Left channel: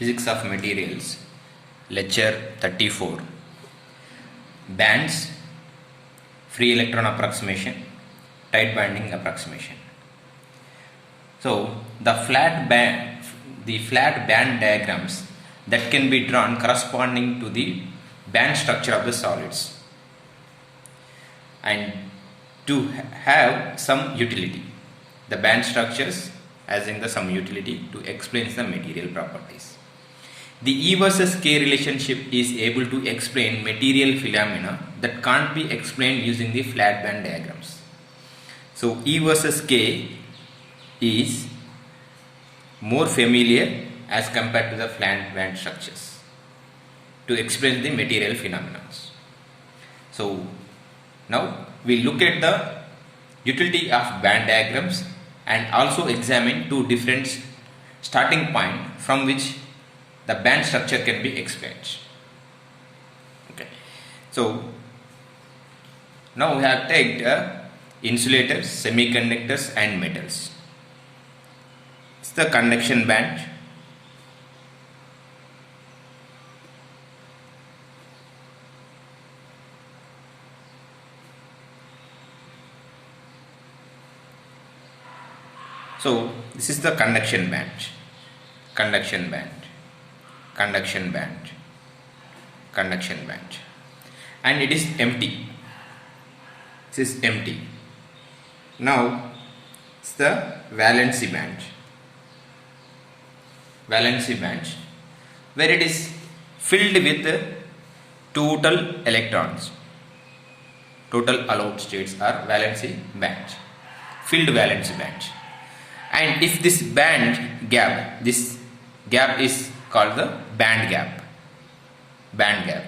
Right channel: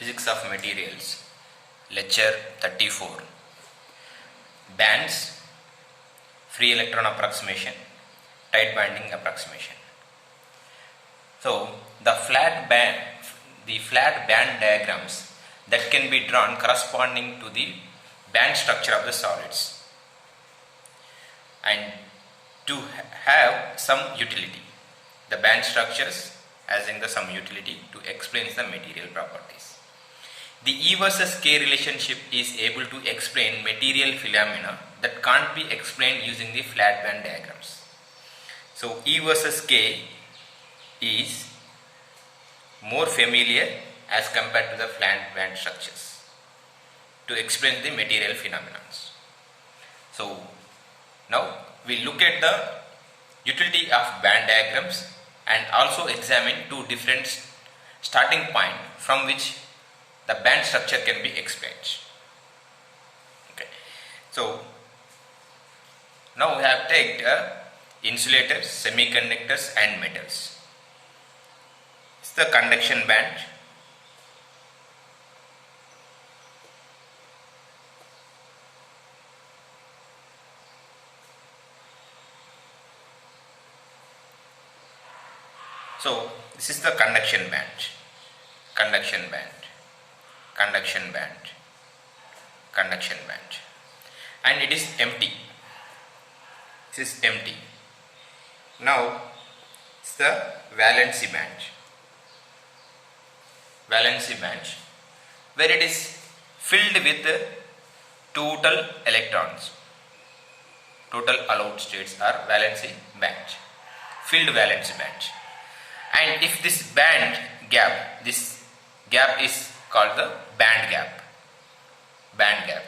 Physics of Materials, Lecture 34, Bands, Free Electron Approximation, Tight Binding Approximation. So, the flat band diagrams that can be drawn corresponding to the band structure of the solids and to have some utility. The band structures as in the some utility to explain the material properties. The E versus K relationship is able to explain material phenomena that can't be explained using the flat band diagrams. So E versus K is more familiar as compared to the flat band structures to explain the material phenomena. So now we look at the utility of band diagrams and also examine two different starting point from which the band structure can be explained. Okay. So now we have taken insulators, semiconductors and metals. It's the conduction band. So this is the conduction band, conduction band, conduction band, conduction band, and it is empty. This is empty. Now it's the valency band, valency band, where it is filled with total electrons. Total allowed states are valency band, filled valency band. And if this this gap is called the band gap. Band gap.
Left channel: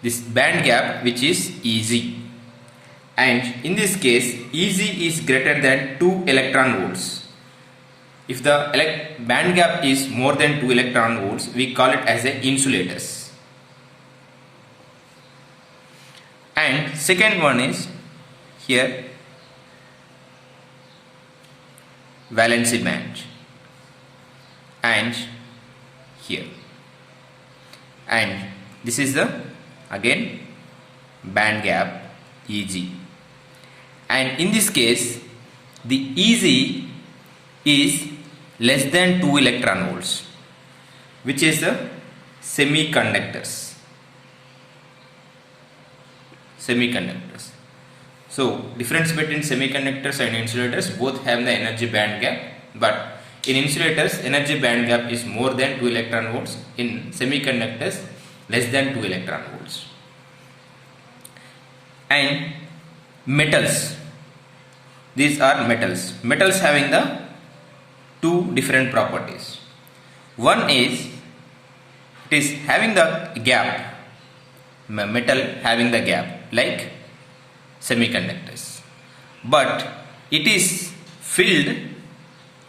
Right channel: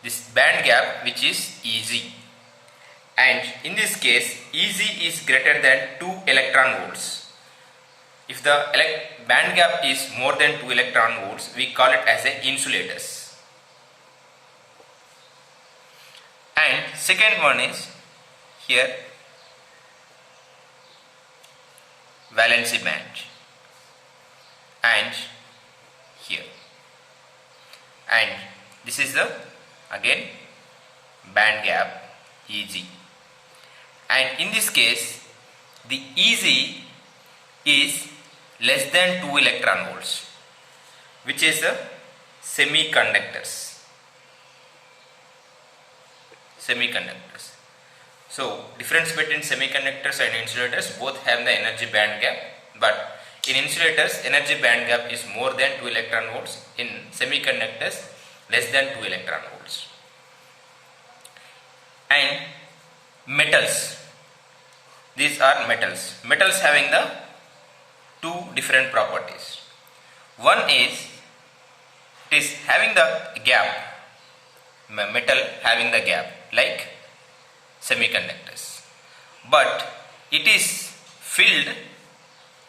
This band gap which is Eg. And in this case, Eg is greater than 2 electron volts. If the band gap is more than 2 electron volts, we call it as a insulators. And second one is here valency band and here, and this is the again band gap Eg, and in this case the Eg is less than 2 electron volts, which is the semiconductors. So difference between semiconductors and insulators, both have the energy band gap, but in insulators energy band gap is more than 2 electron volts, in semiconductors less than 2 electron volts. And metals, these are metals having the two different properties. One is it is having the gap, metal having the gap like semiconductors, but it is filled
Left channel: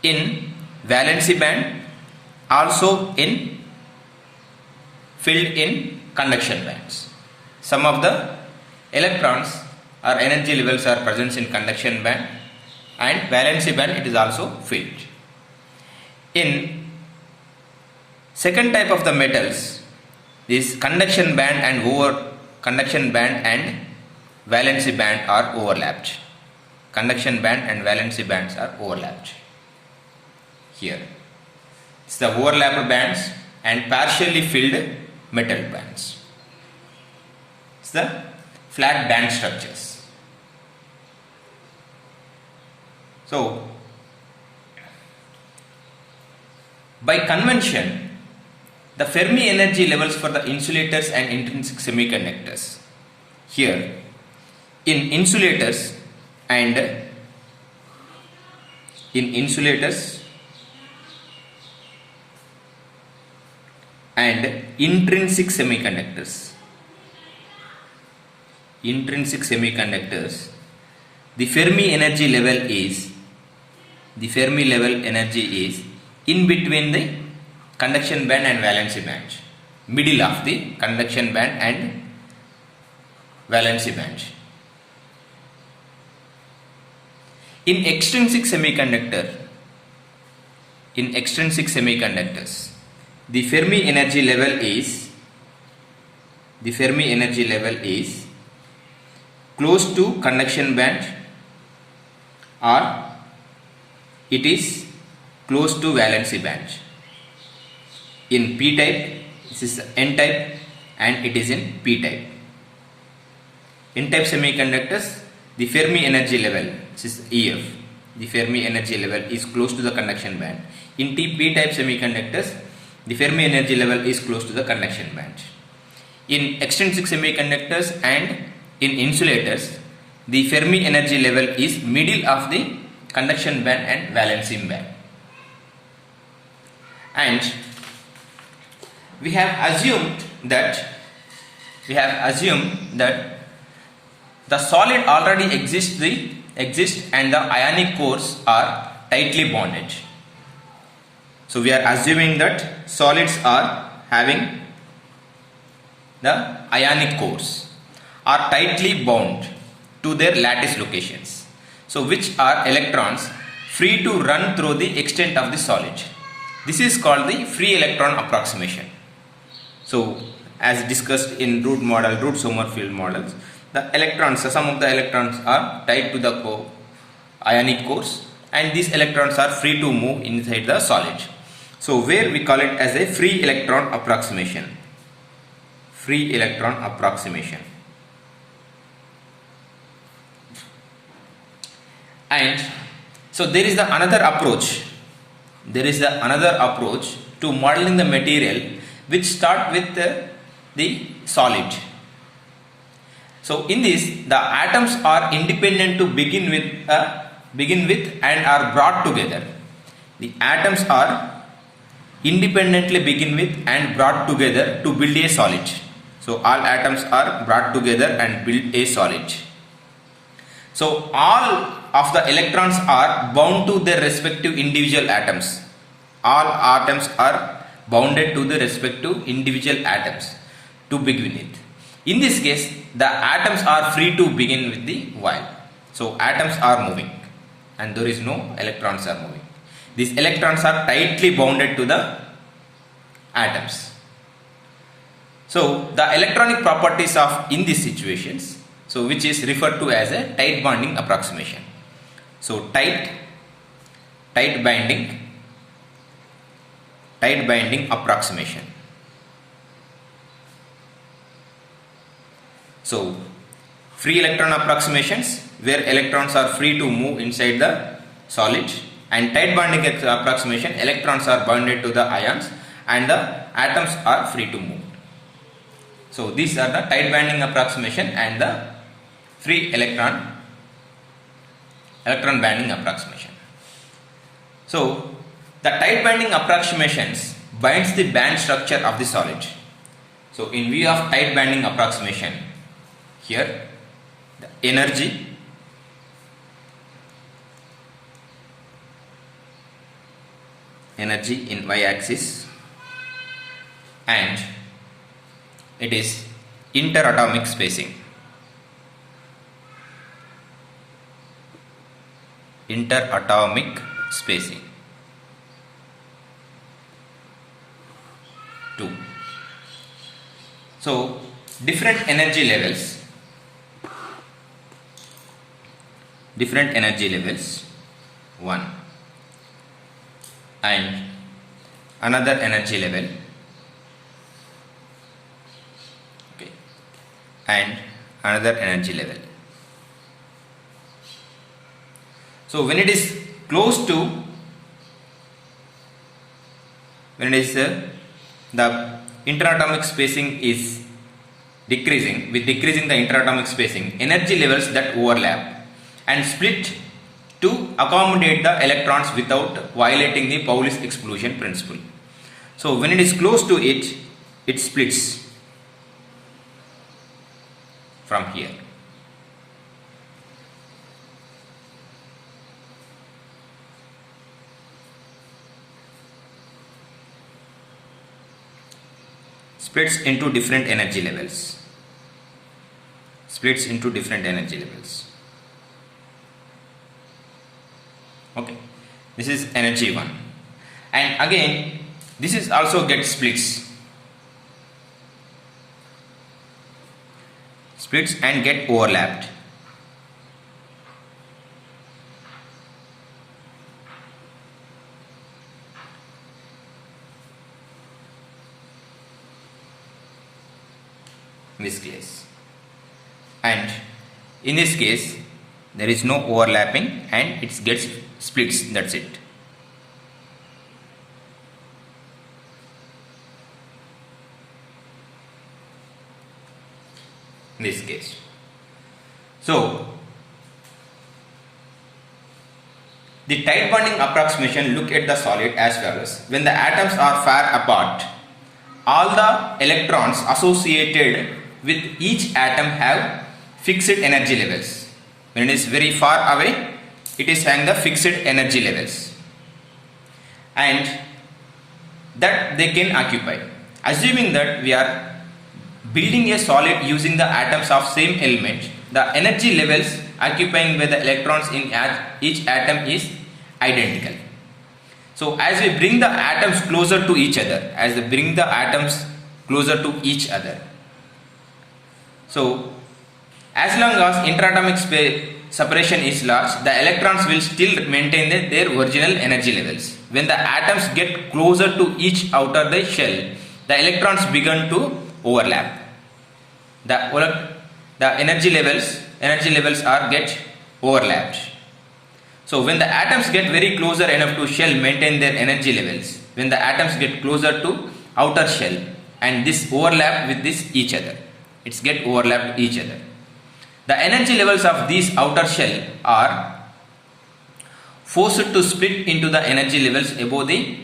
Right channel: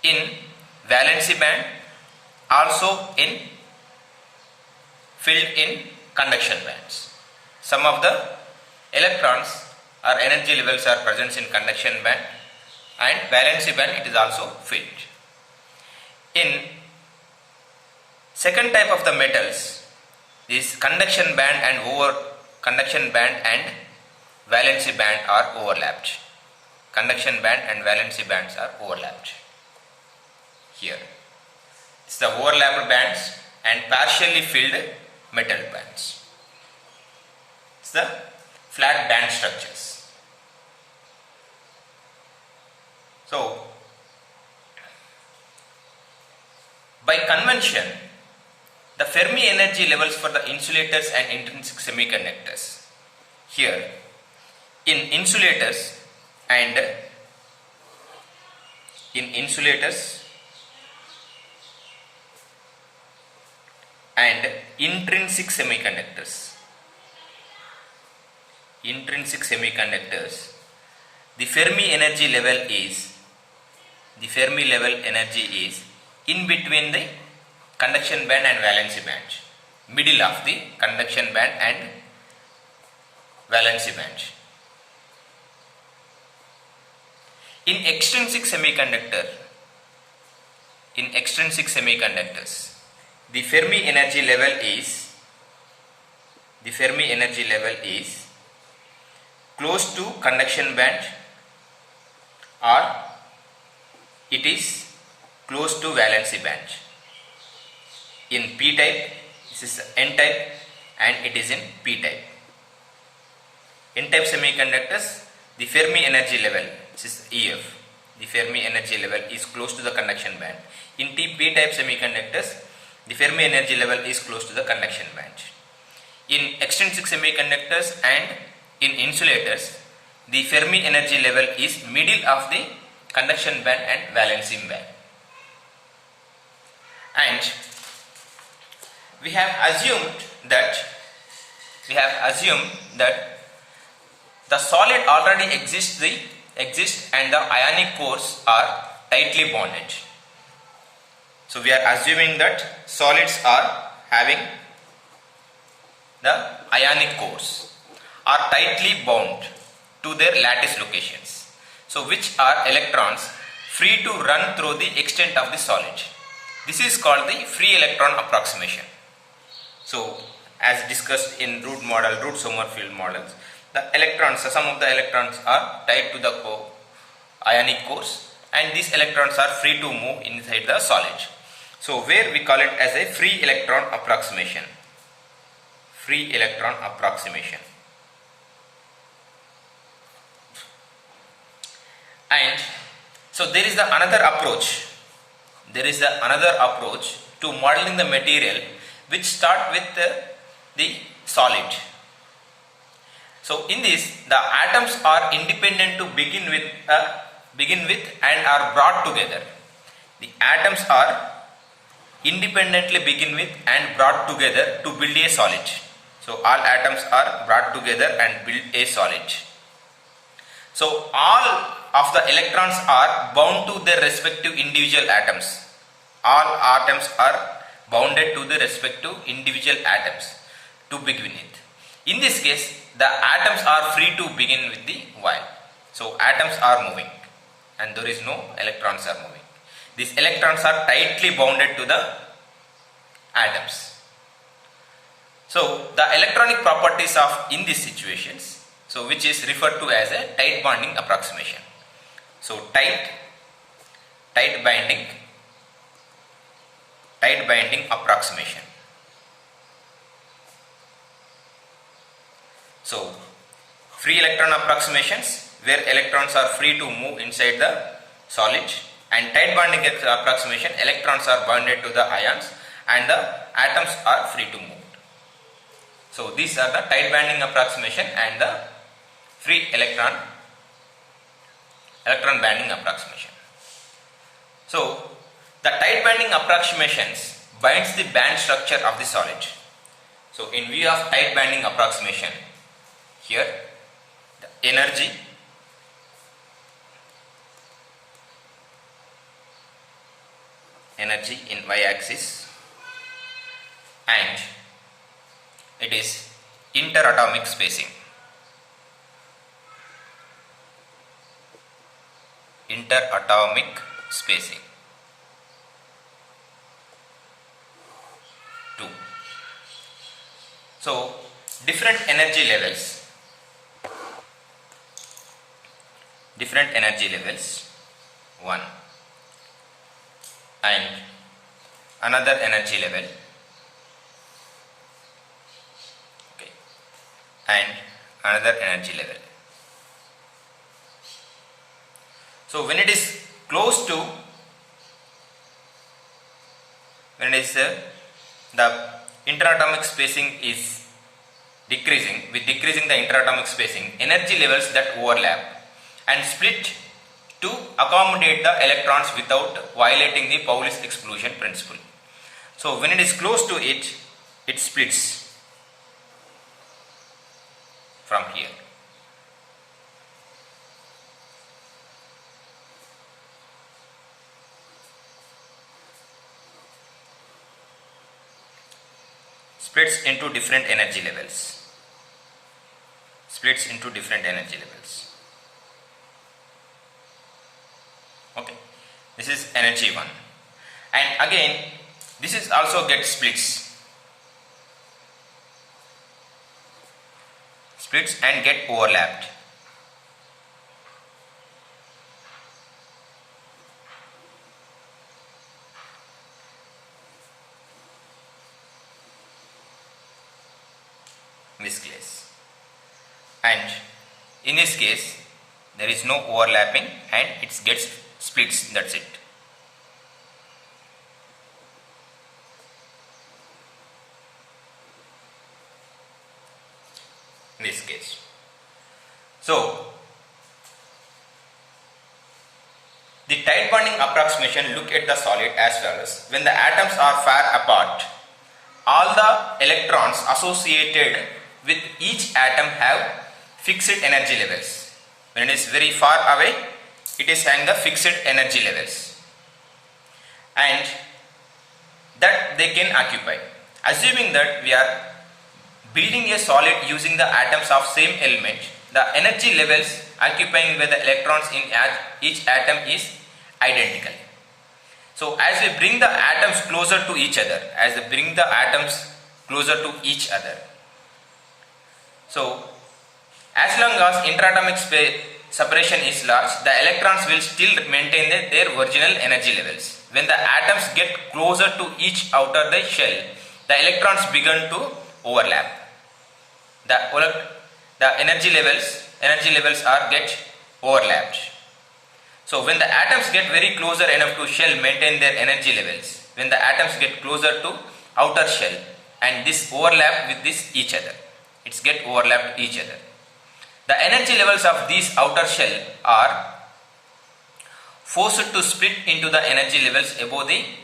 in valency band, also filled in conduction bands. Some of the electrons or energy levels are present in conduction band, and valency band it is also filled. In second type of the metals, this conduction band and valency band are overlapped. Conduction band and valency bands are overlapped. Here, it's the overlapped bands and partially filled metal bands. It's the flat band structures. So, by convention, the Fermi energy levels for the insulators and intrinsic semiconductors. Here, in insulators and intrinsic semiconductors, the Fermi energy level is in between the conduction band and valency band, middle of the conduction band and valency band. In extrinsic semiconductors, the Fermi energy level is close to conduction band, or it is close to valency band. In p type, this is n type, and it is in p type. N type semiconductors, the Fermi energy level, this is EF, the Fermi energy level is close to the conduction band. In p type semiconductors, the Fermi energy level is close to the conduction band. In extrinsic semiconductors and in insulators, the Fermi energy level is middle of the conduction band and valency band. And we have assumed that the solid already exists and the ionic cores are tightly bonded. So we are assuming that solids are having the ionic cores are tightly bound to their lattice locations. So which are electrons free to run through the extent of the solid. This is called the free electron approximation. So as discussed in root Sommerfeld models, the electrons, some of the electrons are tied to the ionic cores, and these electrons are free to move inside the solid. So where we call it as a free electron approximation. Free electron approximation. And so there is another approach. There is another approach to modeling the material which start with the solid. So in this, the atoms are independent to begin with and are brought together. The atoms are independently begin with and brought together to build a solid. So all atoms are brought together and build a solid. So all of the electrons are bound to their respective individual atoms. All atoms are bounded to the respective individual atoms to begin with. In this case, the atoms are free to begin with the while. So atoms are moving and there is no electrons are moving. These electrons are tightly bounded to the atoms. So the electronic properties of in these situations, so which is referred to as a tight bonding approximation. So tight binding approximation. So free electron approximations where electrons are free to move inside the solid, and tight bonding approximation, electrons are bonded to the ions and the atoms are free to move. So these are the tight bonding approximation and the free electron bonding approximation. So the tight bonding approximations binds the band structure of the solid. So in view of tight bonding approximation, here the energy in y-axis, and it is interatomic spacing. Interatomic spacing 2. So different energy levels 1 and another energy level, okay, and another energy level. So when it is close to, the interatomic spacing is decreasing, with decreasing the interatomic spacing, energy levels that overlap and split to accommodate the electrons without violating the Pauli's exclusion principle. So when it is close to it, it splits from here. Splits into different energy levels. Okay, this is energy 1. And again, This is also gets splits and get overlapped. In this case, and in this case there is no overlapping and it gets splits, that's it. In this case, so the tight bonding approximation look at the solid as follows. When the atoms are far apart, all the electrons associated with each atom have fixed energy levels. When it is very far away, it is having the fixed energy levels and that they can occupy. Assuming that we are building a solid using the atoms of same element, the energy levels occupying by the electrons in each atom is identical. So as we bring the atoms closer to each other, so as long as interatomic separation is large, the electrons will still maintain their original energy levels. When the atoms get closer to each outer the shell, the electrons begin to overlap. The energy levels are get overlapped. So when the atoms get very closer enough to shell, maintain their energy levels. When the atoms get closer to outer shell and this overlap with this each other, it's get overlapped each other. The energy levels of these outer shell are forced to split into the energy levels above the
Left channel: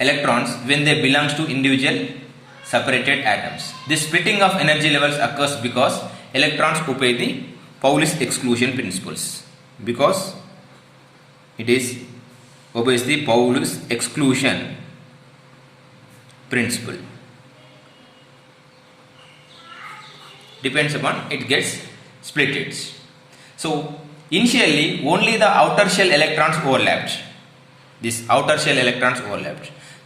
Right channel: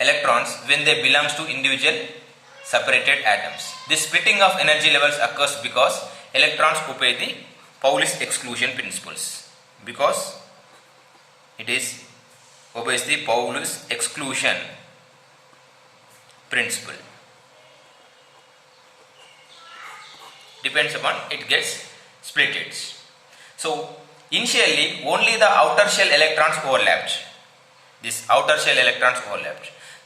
electrons when they belongs to individual separated atoms. This splitting of energy levels occurs because electrons obey the Pauli's exclusion principles. Because it is obeys the Pauli's exclusion principle. Depends upon it gets splitted. So initially only the outer shell electrons overlapped.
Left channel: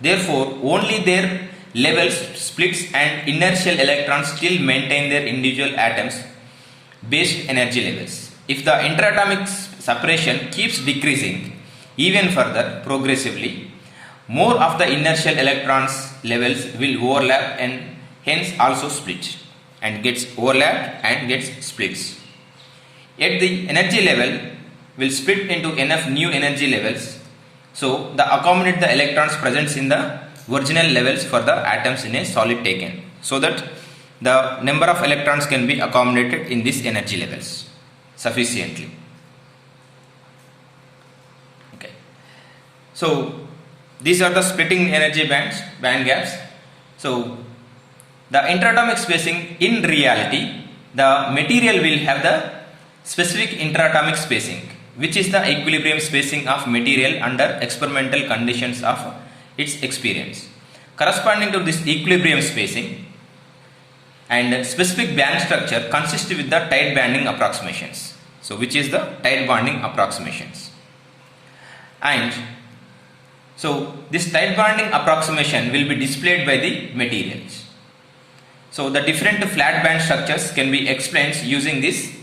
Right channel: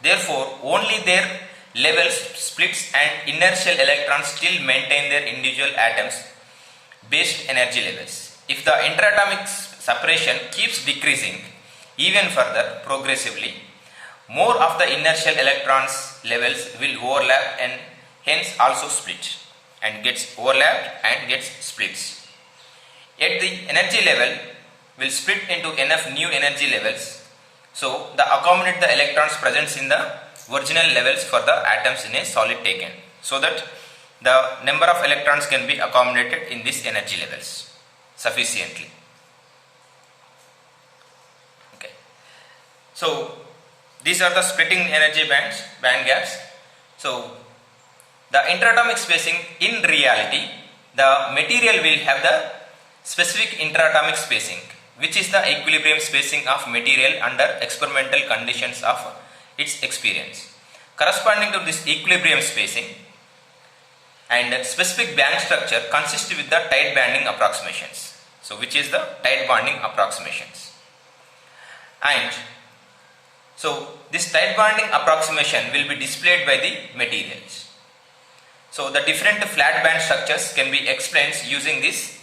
Therefore only their levels splits and inner shell electrons still maintain their individual atoms based energy levels. If the interatomic separation keeps decreasing even further progressively, more of the inner shell electrons levels will overlap and hence also split and gets overlapped and gets splits. Yet the energy level will split into enough new energy levels so the accommodate the electrons present in the original levels for the atoms in a solid taken, so that the number of electrons can be accommodated in these energy levels sufficiently. Okay, so these are the splitting energy band gaps. So the interatomic spacing, in reality the material will have the specific interatomic spacing, which is the equilibrium spacing of material under experimental conditions of its experience. Corresponding to this equilibrium spacing and specific band structure consists with the tight bonding approximations. So which is the tight bonding approximations. And so this tight bonding approximation will be displayed by the materials. So the different flat band structures can be explained using this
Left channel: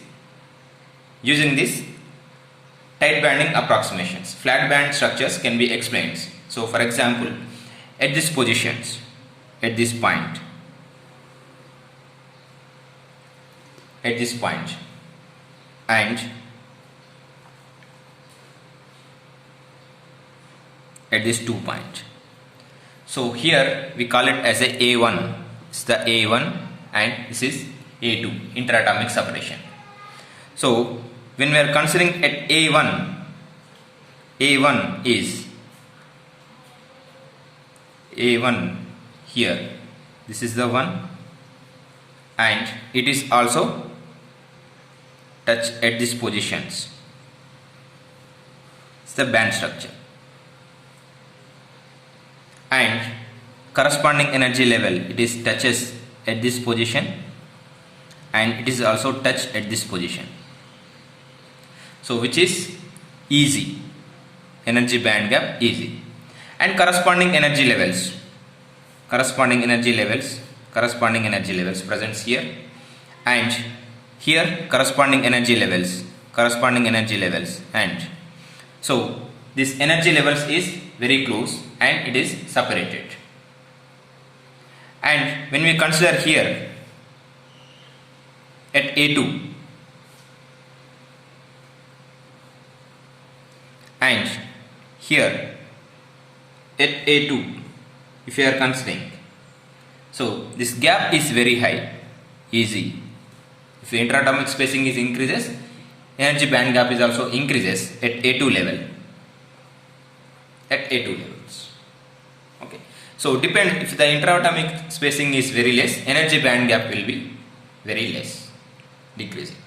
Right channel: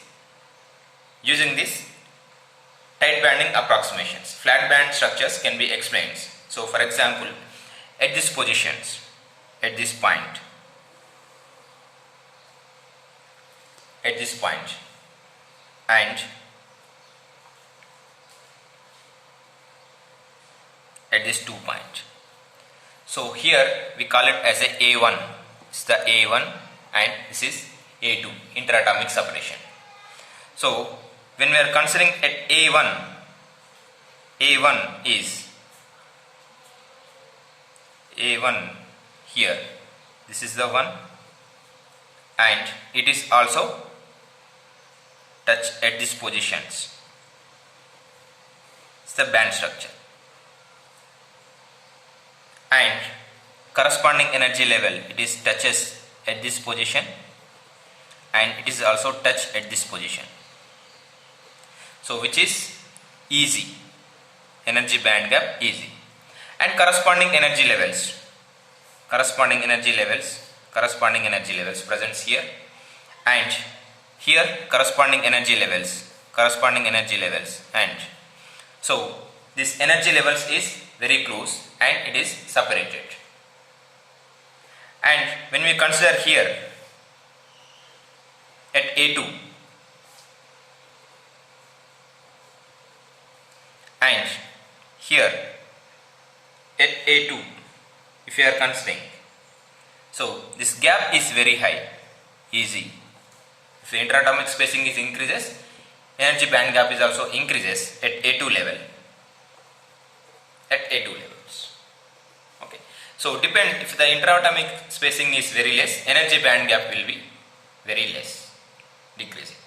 tight bonding approximations. Flat band structures can be explained. So for example, at this positions, at this point, and at this 2 point. So here we call it as a A1. It's the A1 and this is A2, interatomic separation. So when we are considering at A1 is A1 here, this is the one, and it is also touch at these positions. It's the band structure, and corresponding energy level, it is touches at this position and it is also touched at this position. So which is easy, energy band gap easy. and corresponding energy levels presents here, and here corresponding energy levels, and so this energy levels is very close and it is separated. And when we consider here at A2 and here at A2, if you are considering, so this gap is very high, easy. If the interatomic spacing is increases, energy band gap is also increases at A2 level. Okay. So depends, if the interatomic spacing is very less, energy band gap will be very less, decreasing.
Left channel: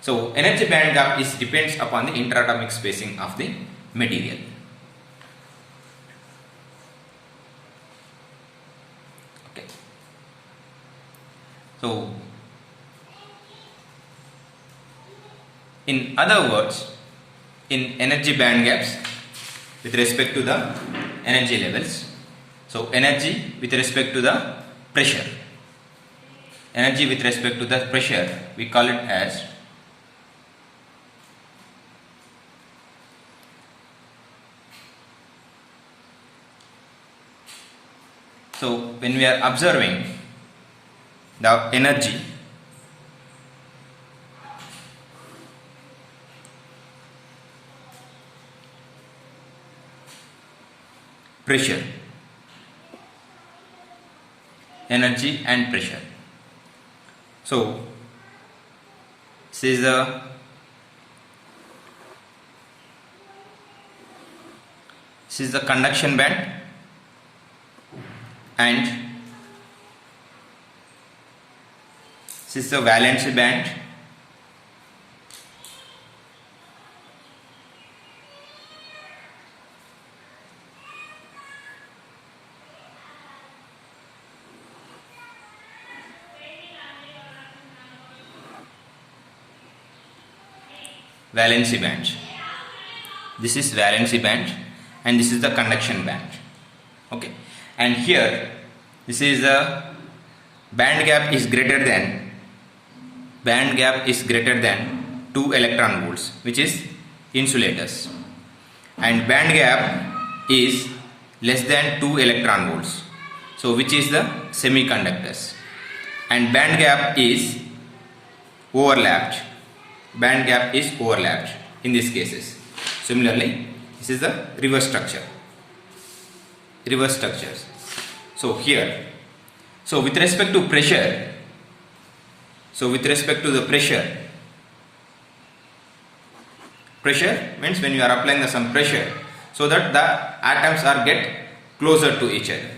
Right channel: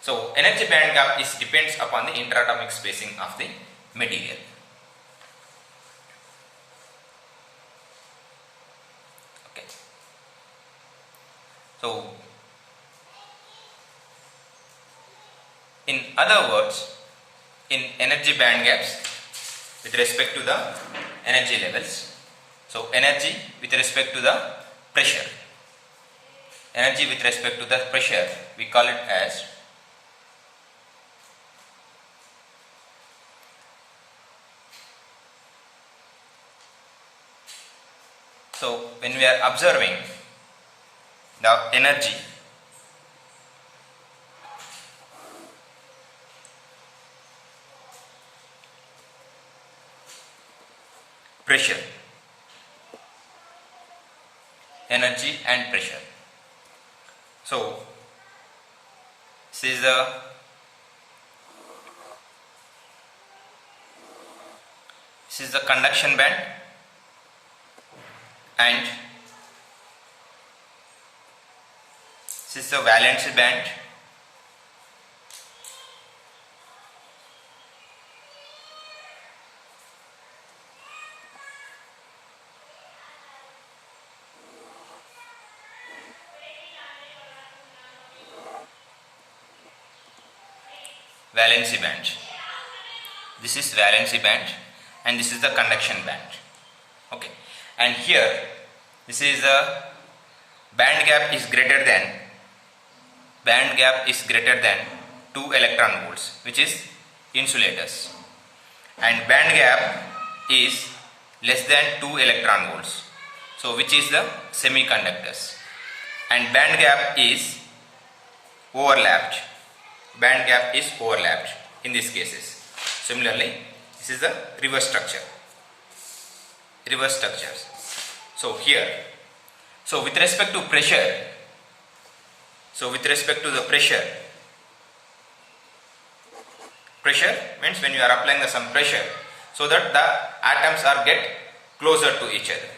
So energy band gap is depends upon the interatomic spacing of the material. Okay. So in other words, in energy band gaps with respect to the energy levels, so energy with respect to the pressure, we call it as so when we are observing the energy, pressure, energy and pressure. So this is the conduction band, and this is the valency band, this is valency band, and this is the conduction band. Okay, and here this is the band gap is greater than 2 electron volts, which is insulators, and band gap is less than 2 electron volts, so which is the semiconductors, and band gap is overlapped in these cases. Similarly, this is the reverse structures. So here, so with respect to the pressure means when you are applying some pressure, so that the atoms are get closer to each other.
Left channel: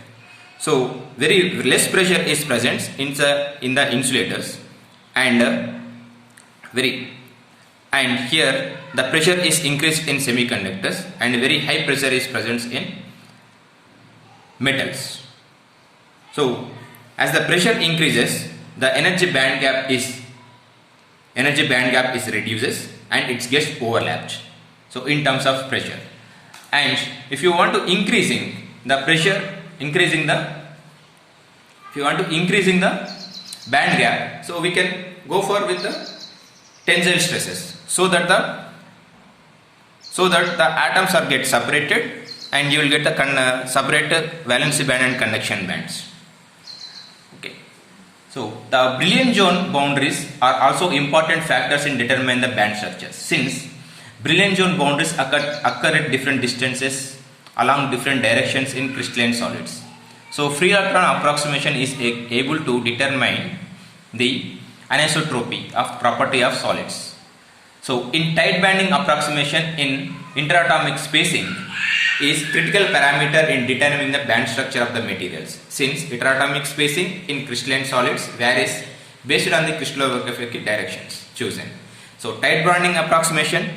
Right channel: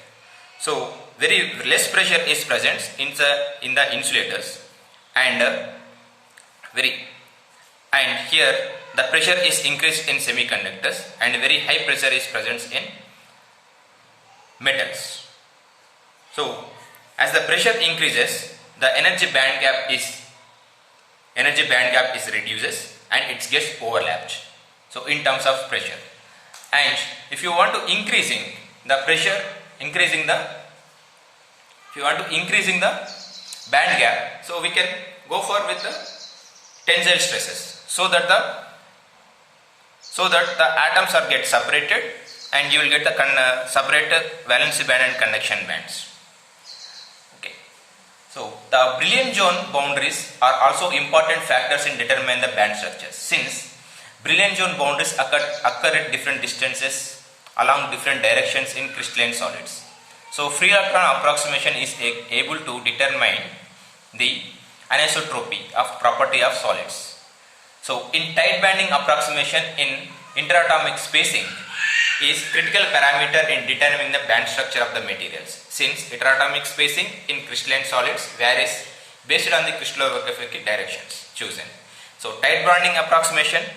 So very less pressure is present in the insulators, and here the pressure is increased in semiconductors, and very high pressure is present in metals. So as the pressure increases, the energy band gap is reduces and it gets overlapped. So in terms of pressure, and if you want to increasing the band gap, so we can go for with the tensile stresses, so that the atoms are get separated, and you will get the separated valency band and conduction bands. Okay. So the Brillouin zone boundaries are also important factors in determining the band structures, since Brillouin zone boundaries occur at different distances along different directions in crystalline solids. So free electron approximation is able to determine the anisotropy of property of solids. So in tight banding approximation in interatomic spacing is critical parameter in determining the band structure of the materials, since interatomic spacing in crystalline solids varies based on the crystallographic directions chosen. So tight banding approximation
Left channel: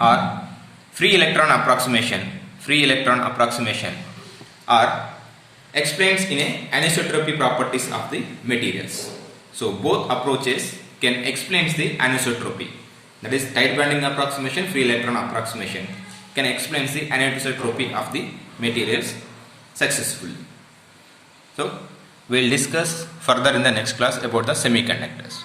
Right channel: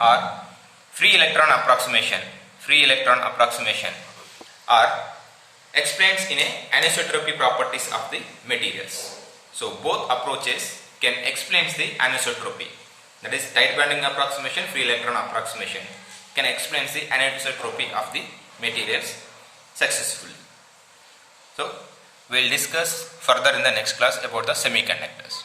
or free electron approximation are explains in a anisotropy properties of the materials. So both approaches can explain the anisotropy, that is tight banding approximation, free electron approximation can explain the anisotropy of the materials successfully. So, we will discuss further in the next class about the semiconductors.